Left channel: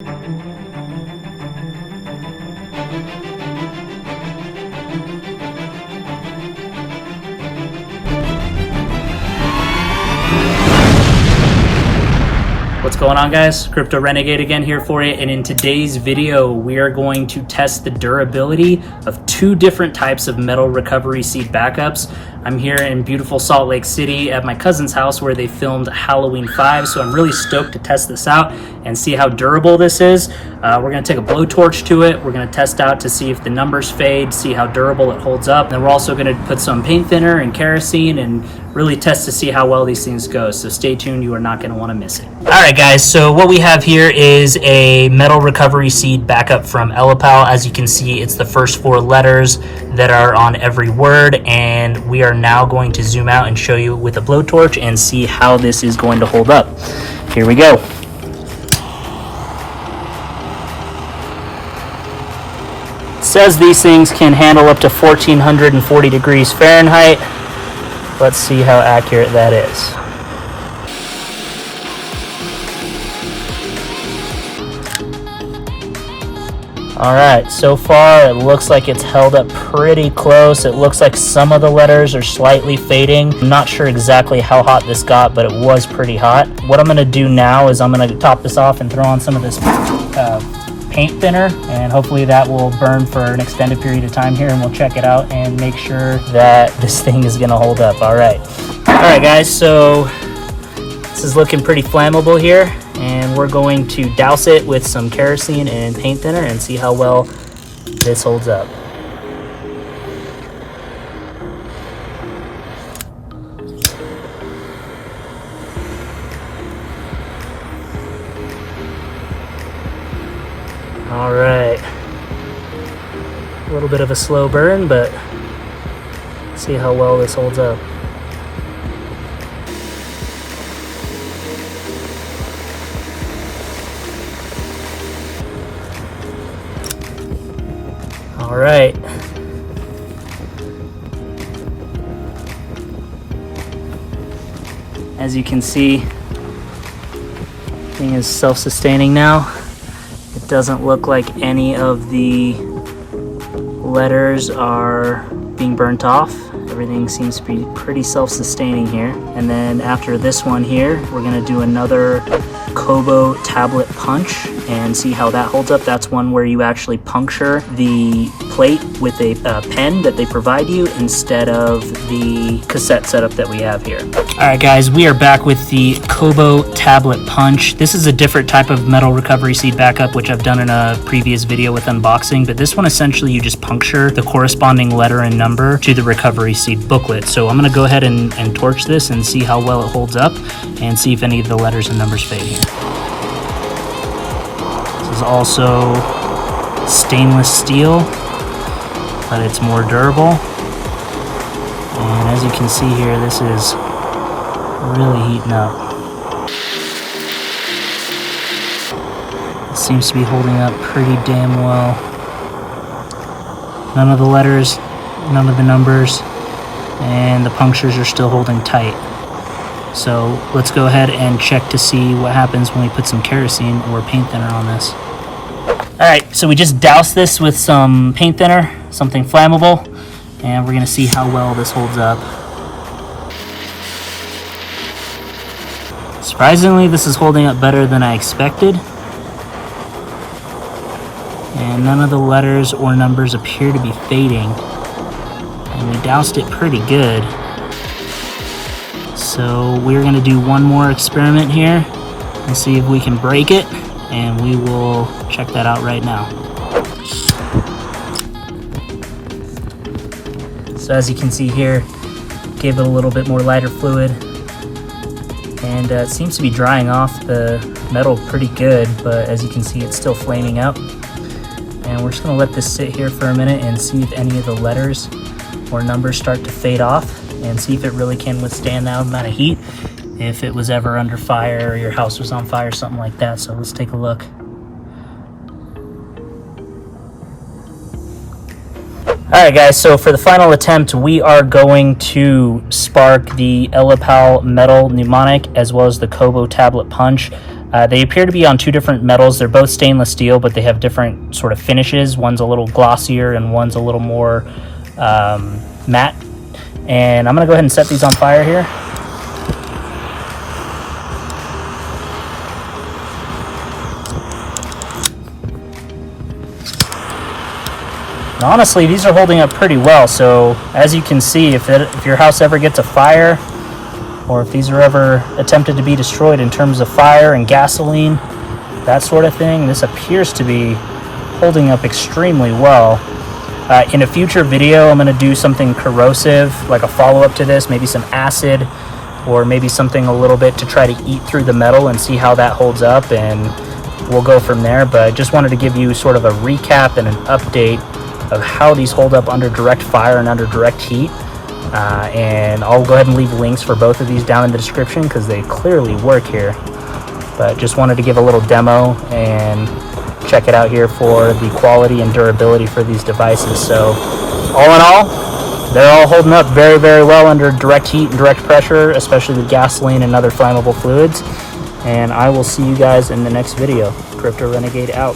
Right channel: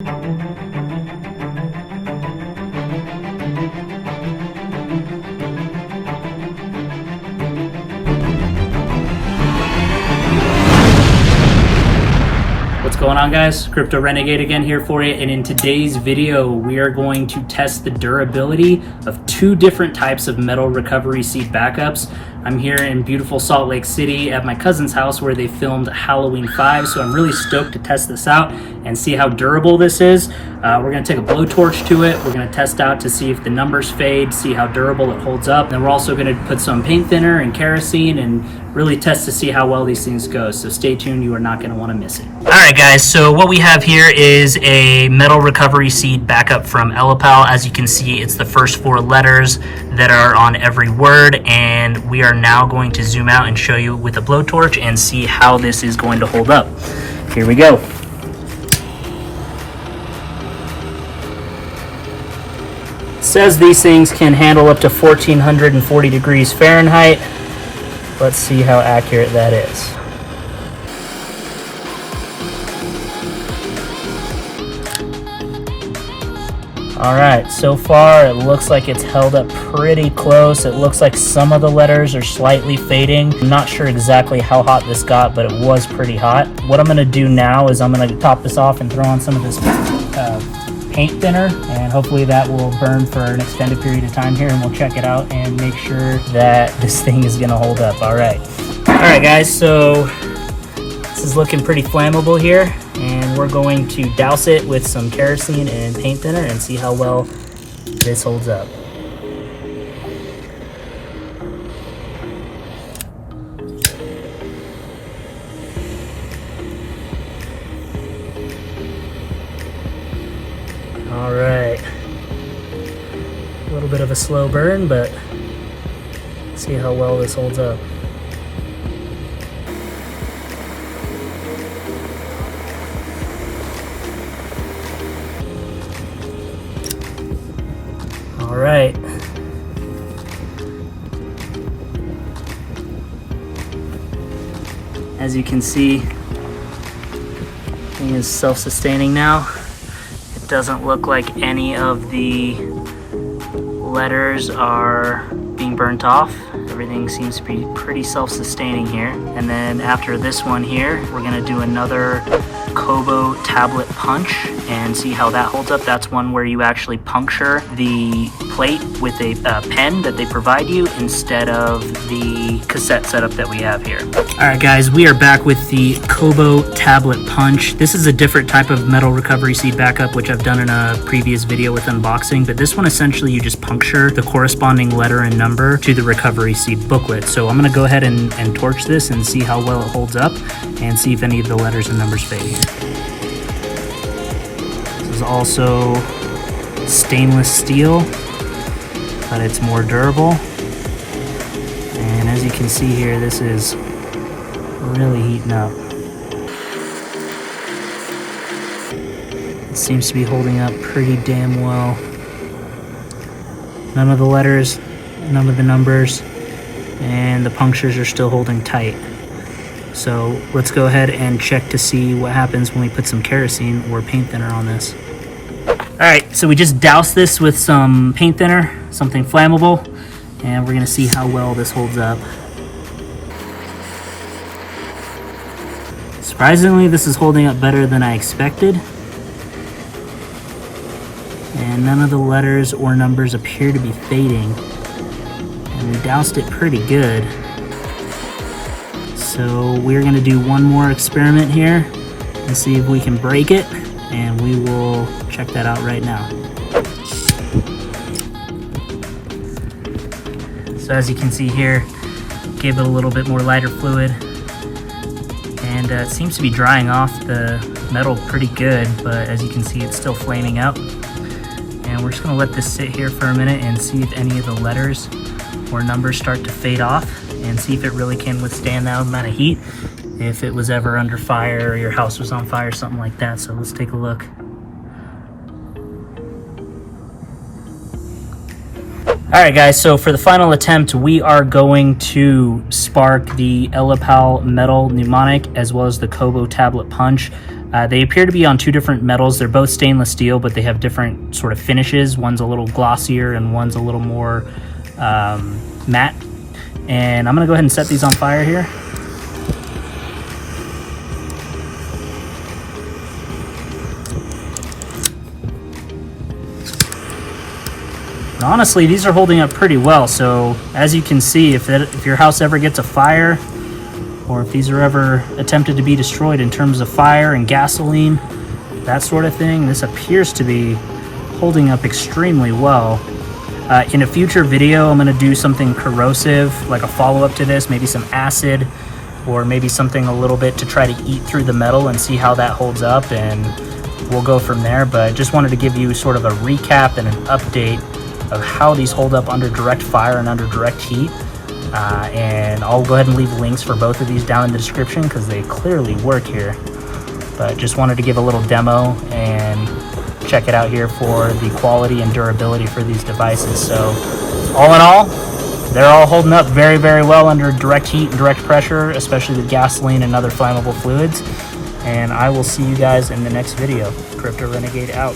What's going on, guys? Crypto Renegade again here for you, and in today's video we are going to test the durability of two different types of metal recovery seed backups. I'm here in beautiful Salt Lake City at my cousin's house where they filmed Halloween 5, so I'm really stoked to test this out and see how durable this is. We're going to take a blowtorch to it. We're going to test out to see if the numbers fade, see how durable it holds up. Then we're also going to put some paint thinner and kerosene and really test to see how well these things go. So stay tuned, you are not going to want to miss it. All right, guys, so what we have here is a metal recovery seed backup from Ellipal. As you can see, it's the first 4 letters that are on every word, and we are now going to zoom out and show you with a blowtorch and see how this is going to hold up. Here we go. It says these things can handle up to 1440 degrees Fahrenheit. Let's see how accurate that is. All right, so far it looks like it's held up pretty close. It looks like some of the letters are slightly fading. I'm not sure exactly how hot this got, but it was pretty hot. What I'm gonna do now is I'm gonna top this off and throw on some of this paint thinner, and hopefully that will burn for an extended period of time here, and we'll check it out and make sure that this thing is gonna hold up. All right, guys, so this is looking pretty flammable here, and we're going to douse it with some kerosene and paint thinner and see how well this holds up. All right, a little bit of a slow burn, but see how well this holds up. All right. As you can see, the thing is self-sustaining now. It doesn't look like any of the letters are being burnt off. Everything seems to be pretty self-sustaining here. And then after this one here, we're gonna do another Cobo Tablet Punch and see how that holds up. That's one where you actually puncture the plate with a pen that they provide you instead of the cassette setup that we have here. All right, guys, we are back with the Cobo Tablet Punch. This is a different type of metal recovery seed backup, which I've done in a previous video with unboxing, but this one essentially you just puncture the corresponding letter and number to the recovery seed booklet. So I'm gonna go ahead and torch this and see how well it holds up and see if any of the letters and numbers fade here. This is also stainless steel, but it's more durable. And as you can see here, this is really heating up. It seems to be holding up pretty damn well. None of the letters, none of the numbers, and the punctures are still holding tight. So let's go ahead and check to see what happens when we put some kerosene or paint thinner on this. All right, so we just doused this with some paint thinner, something flammable, and we're gonna see how well this holds up. Surprisingly, this is holding up better than I expected. And none of the letters or numbers appear to be fading. And we doused it pretty good. So we're gonna do one more experiment here and see if we can break it, and we will check that out right now. So as you can see here, gave it a little bit more lighter fluid, and it seems to be drying off the metal pretty good, but as you can see, it's still flaming up. And we're just gonna let this sit here for a minute and see if any of the letters or numbers start to fade off, and see if it really can withstand that amount of heat if it was ever under fire or your house was on fire, something like that. So let's take a look. All right, guys, so for the final attempt, we are going to spark the Ellipal Metal Mnemonic as well as the Cobo Tablet Punch. They appear to be on two different metals. They're both stainless steel, but they have different sort of finishes. One's a little glossier and one's a little more matte. And I'm going to go ahead and set these on fire here. And honestly, these are holding up pretty well. So as you can see, if your house ever gets a fire, or if these are ever attempted to be destroyed in terms of fire and gasoline, that sort of thing, this appears to be holding up extremely well. In a future video, I'm going to do something corrosive, like a follow-up to this, maybe some acid, or maybe something a little bit to try to eat through the metal and see how that holds up, and we'll go from there. But I just wanted to give you sort of a recap and an update of how these hold up under direct fire and under direct heat. And I'll go ahead and leave links for both of these down in the description because they clearly work here. But just wanted to give a little demo and check it out here for the quality and durability for these devices. So all in all, they're all holding up very, very well under direct heat and direct pressure, especially with gasoline and other flammable fluids. And I will see you guys in the next video. Crypto Renegade out.